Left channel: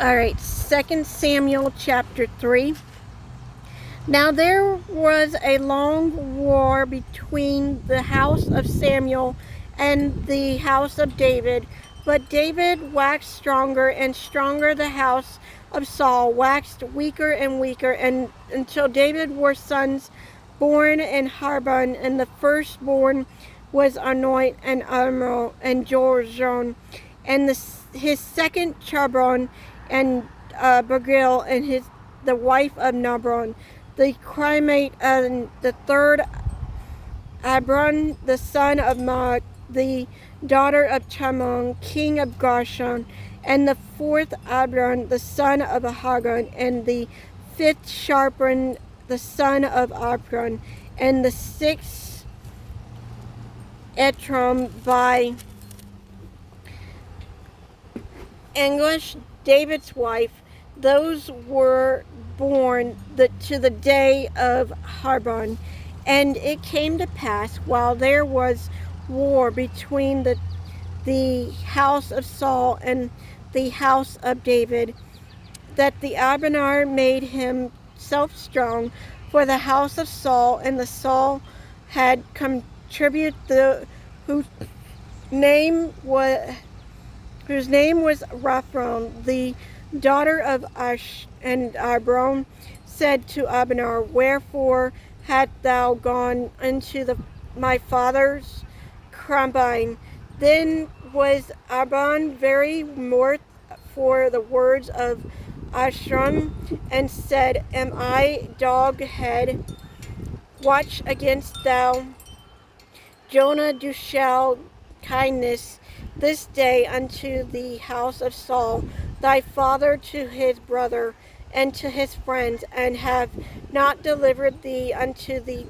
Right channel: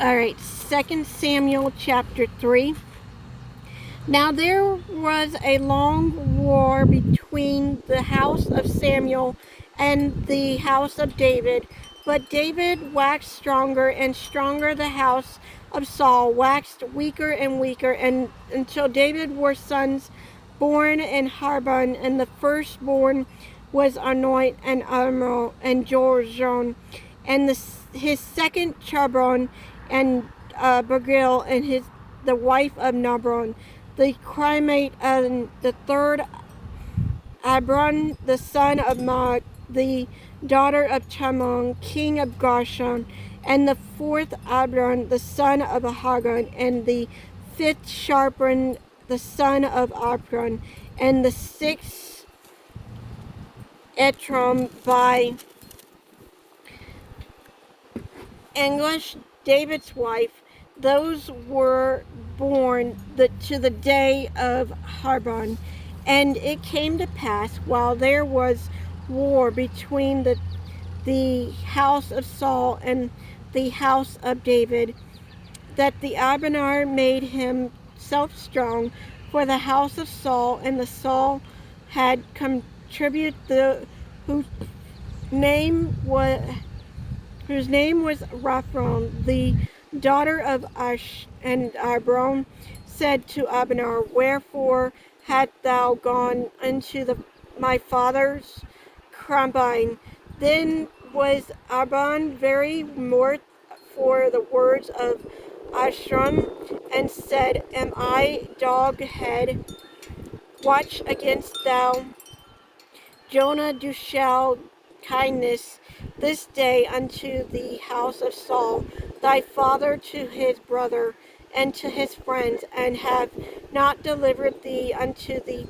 All right, 2 Samuel chapter 3. Now there was a long war between the house of Samuel and the house of David, but David waxed stronger and stronger. The house of Saul waxed weaker and weaker, and until David were sons born in Harbon, and the firstborn was Anoit and Amral and Jorzon, and his second Chabron and Bagil, and the wife of Nabron, the Crimate, and the third Abron, the son of Maat, the daughter of Chamon, king of Gashon, and the fourth Abron, the son of Hagan, and the fifth Sharpran, the son of Apron, and the sixth Etram by English, David's wife. Those were born to the day of Harbon. And it came to pass, while there was war between the house of Saul and the house of David, that the Abner made himself strong for the house of Saul, and the Saul had contributed whose name was Raphron, the daughter of Ash, and Abron said to Abner, Wherefore hast thou gone into my father's combine? Then was Abon very mirth for the words of Ashram, and said, Am I dog head? Watch against thou Jonah do shall kindness this day unto the house of Saul, thy father, to his brother, and to his friends, and have not delivered thee unto the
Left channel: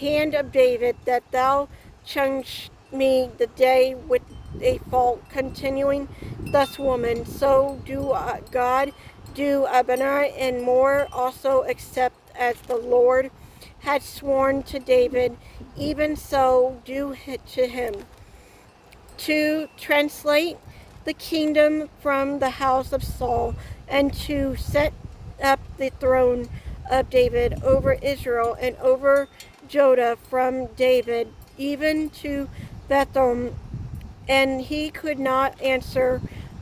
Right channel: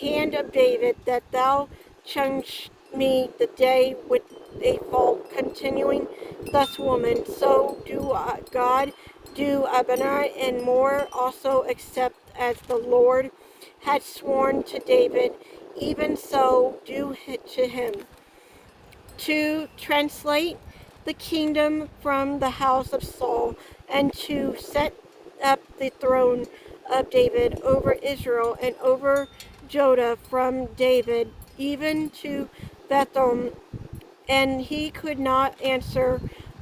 hand of David, that thou changed me the day with a fault, continuing thus, woman. So do God do Abner, and more also, except as the Lord had sworn to David, even so do to him. To translate the kingdom from the house of Saul, and to set up the throne of David over Israel and over Judah from David even to Bethlehem. And he could not answer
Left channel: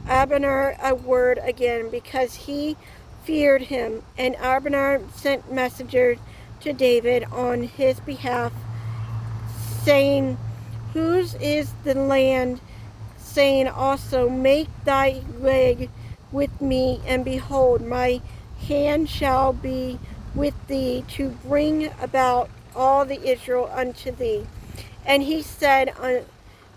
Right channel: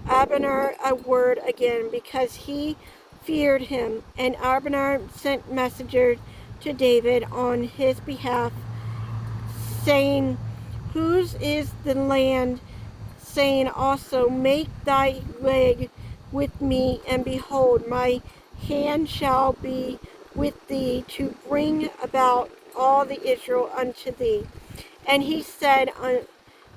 Abner a word again, because he feared him. And Abner sent messengers to David on his behalf, saying, Whose is the land? Saying also, Make thy leg with me, and behold, my hand shall be with thee to bring about all the Israel unto thee. And he said,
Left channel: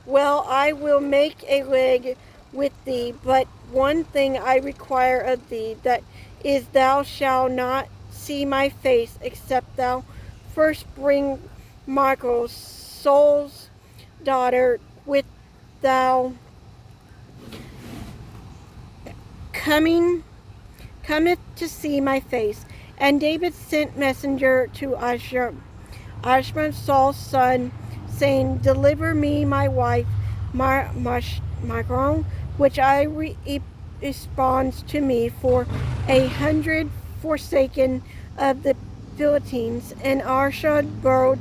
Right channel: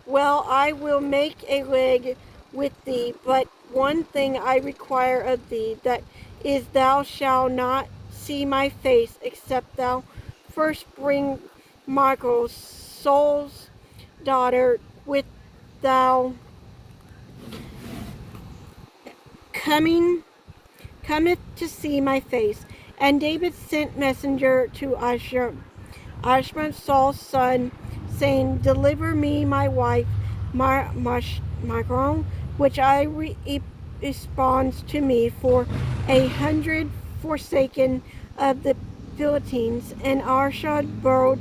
Well, I will make a leg with thee, but one thing I require of thee, that is, thou shalt not see my face, except thou first bring Michal, Saul's daughter, with thou cometh to see my face. And David sent messenger to Ashman, Saul's son, saying, Deliver me my wife, Michal, which I responds to me, for 100 forsaken of the Philistines. And Arshad borrowed,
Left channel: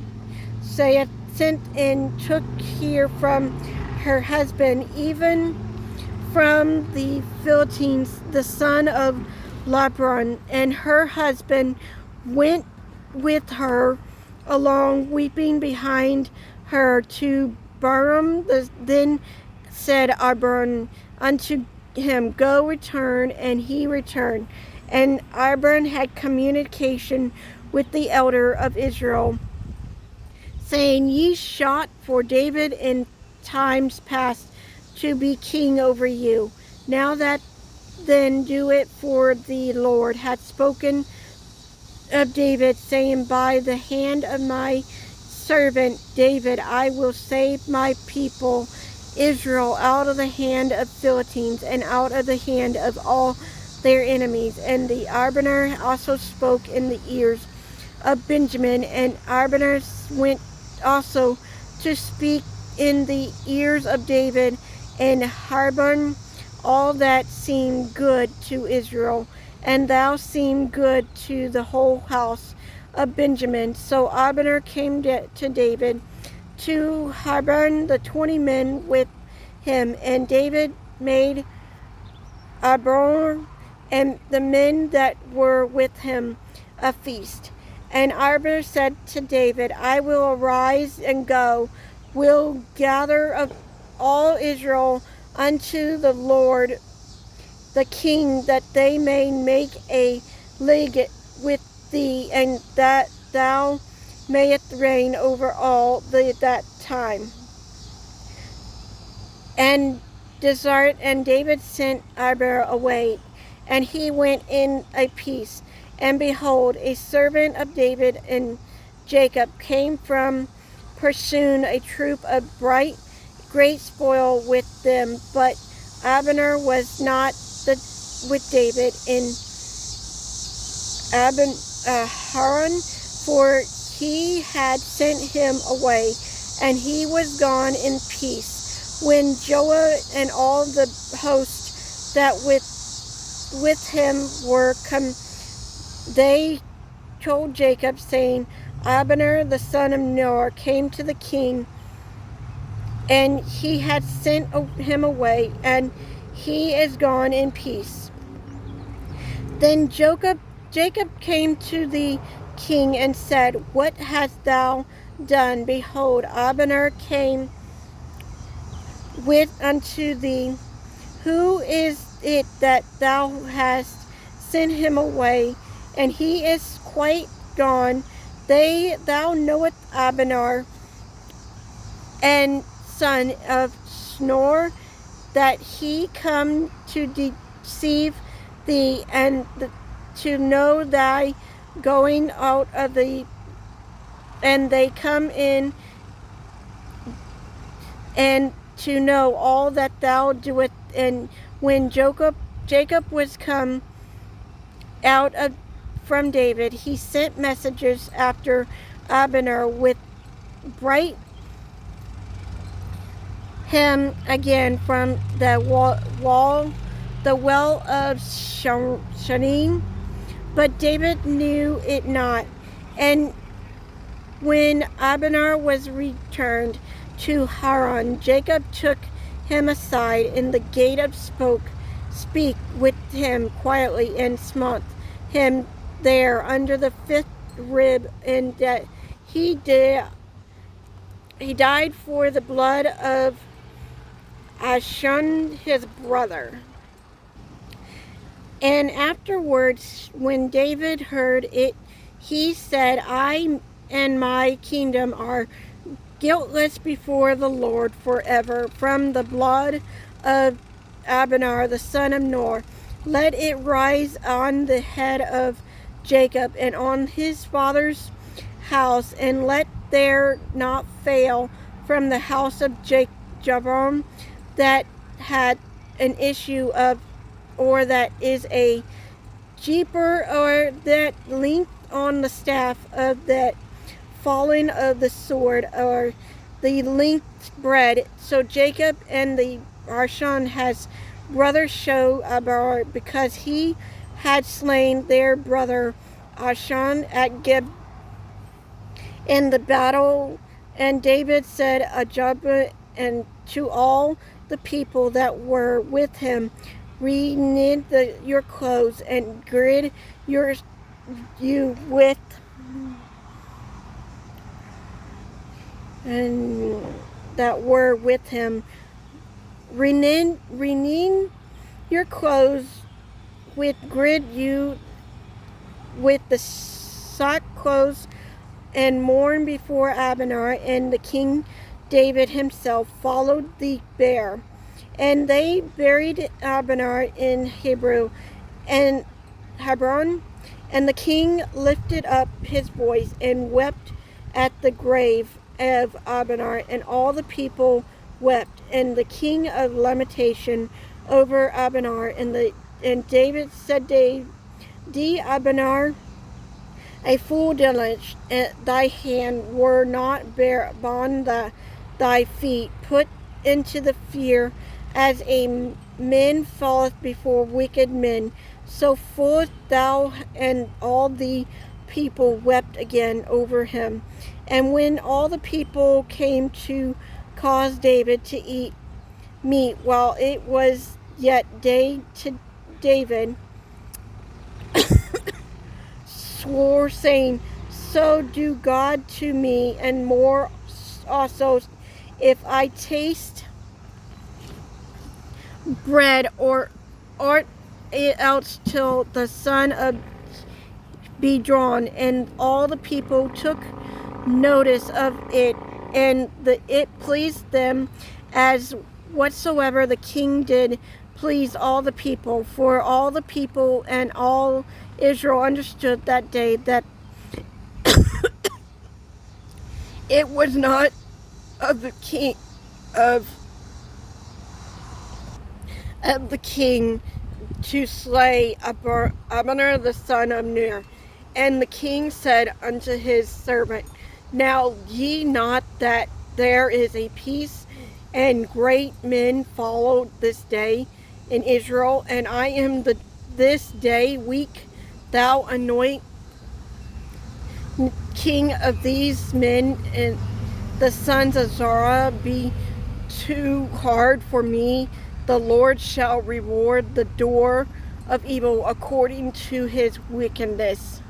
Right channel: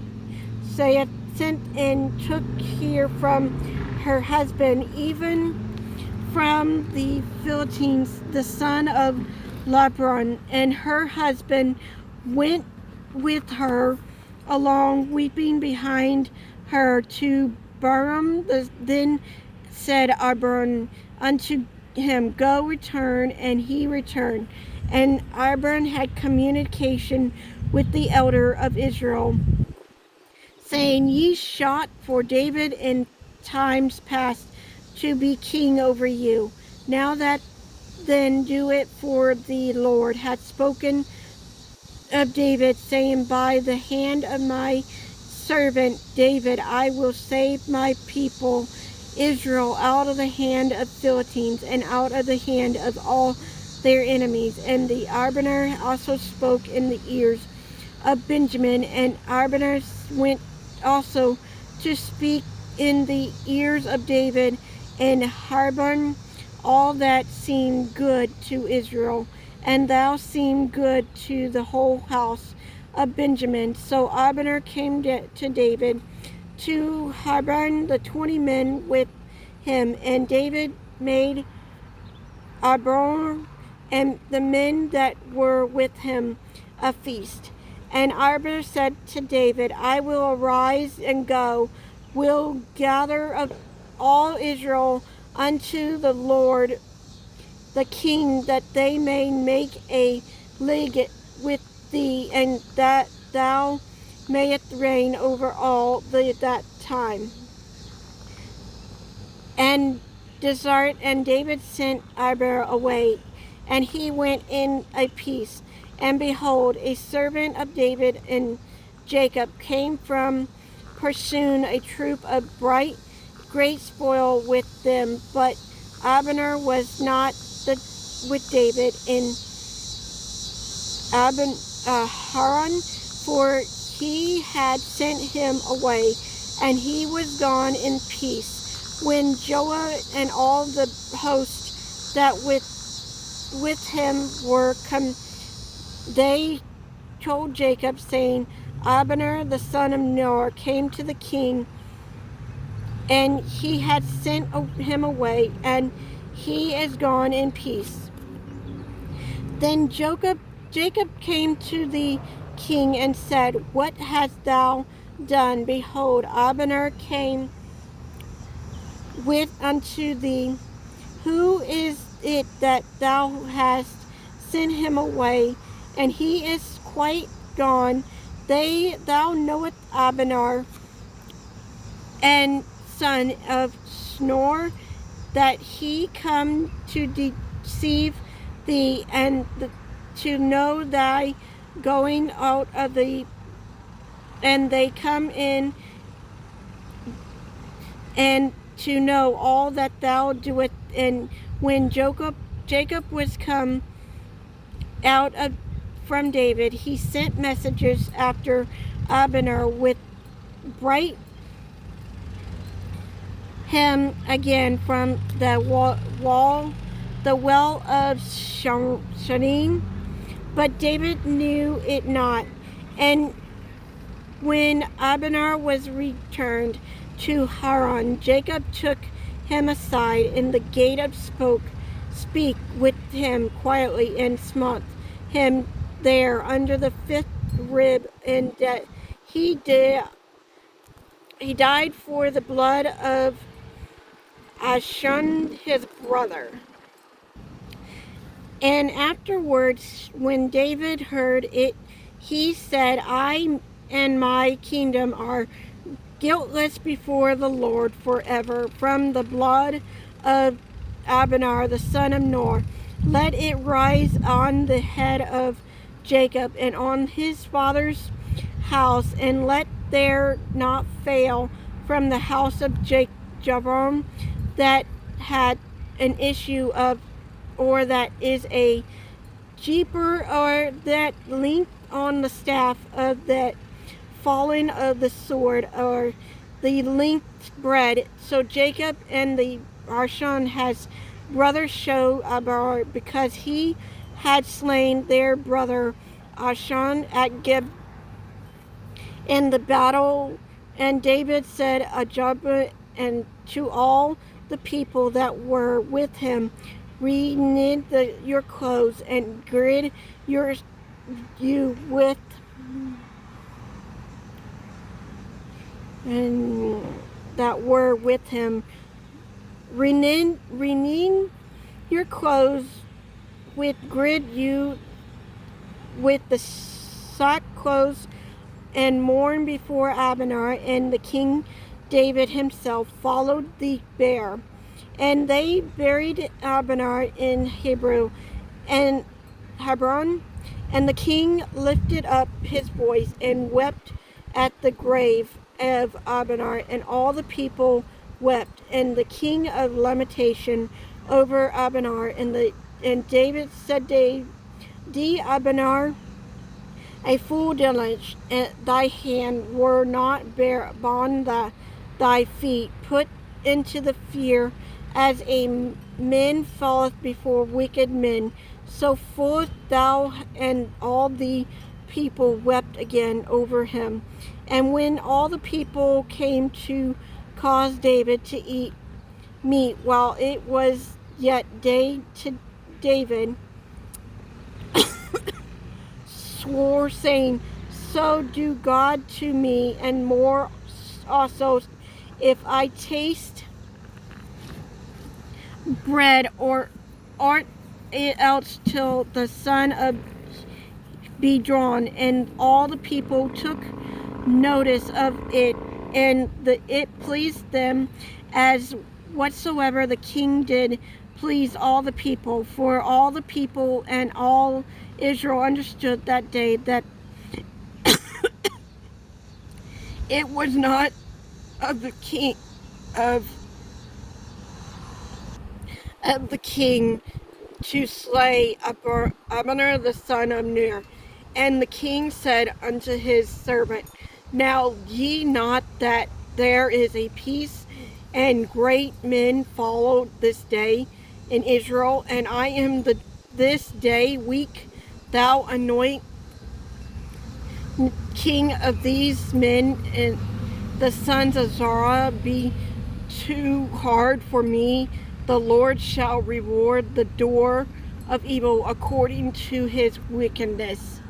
saith, sent and took here from her husband, even from the Philistines, the son of Labron, and her husband went with her along, weeping behind her to Baram. Then said Abram unto him, Go, return. And he returned. And Abram had communication with the elder of Israel, saying, Ye shot for David in times past to be king over you. Now that then do it, for the Lord hath spoken of David, saying, By the hand of my servant David I will save my people Israel out of the hand of Philistines, and out of the hand of all their enemies. And the Abner also spoke in the ears of Benjamin, and Abner went also to speak in the ears of David, and Harbon all that seemed good to Israel, and thou seemed good to the whole house of Benjamin. So Abner came to David to Hebron, the 20 men with him, and David made Abner and the men that were with him a feast. And Abner said to David, I will arise and go, will gather of all Israel unto the Lord the king, that they may make a league with thee, and that thou mayest reign over all that time. And David sent Abner away, and he went in a peace. And behold, a servant of David and Jacob came from Pursun, a troop of great spoil with them. But Abner was not with David in Haran, for he had sent him away, and he was gone in peace. When Joab and all the host that with him were come, they told Jacob, saying, Abner the son of Ner came to the king, and he had sent him away, and he is gone in peace. Then Jacob came to the king and said, What hast thou done? Behold, Abner came with unto thee. Who is it that thou hast sent him away? And he is quite gone. Thou knowest Abner, and son of Snor, that he come to deceive thee, and to know thy going out of thee, and they come in, and to know all that thou doest. And when Jacob was come out from David, he sent messengers after Abner with bright him again from the well of Shanim. But David knew it not. And when Abner was returned to Haran, Jacob took him aside in the gate of speak with him quietly, and smote him there under the 5th rib, and that he died for the blood of Ahishon his brother. And afterwards, when David heard it, he said, I and my kingdom are guiltless before the Lord forever. From the blood of Abner the son of Ner, let it rise on the head of Jacob and on his father's house, and let there not fail from the house of Jeroboam that had an issue of, or that is a jeeper, or that leaned on the staff of that fallen of the sword, or the linked bread. So Jacob and the Ahishon has brother show Abner, because he had slain their brother Ahishon at Gib in the battle. And David said Ajab and to all the people that were with him, reknit your clothes and gird you with, and that were with him, renew your clothes, with gird you with the sackcloth, and mourn before Abner. And the king David himself followed the bier. And they buried Abner in Hebron, and the king lifted up his voice and wept at the grave of Abner, and all the people wept, and the king of lamentation over Abner. And David said, "Thee, Abner, a fool diligence, thy hand were not bond thy feet, put into the fear as a men falleth before wicked men. So forth thou and all the people wept again over him. And when all the people came to cause David to eat meat while it was yet day, to David swore, saying, So do God to me, and more also, if I taste bread or aught else till the sun of be drawn. And all the people took notice of it, and it pleased them, as whatsoever the king did please all the people. For all the people and all Israel understood that day that it was not of the king of the king to slay Abner the son of Ner. And the king said unto his servant, Now ye not that there is a peace, and great men follow this day in Israel, and I am this day weak. Thou anoint king of these men, and the sons of Zerah be too hard for me. The Lord shall reward the doer of evil according to his wickedness.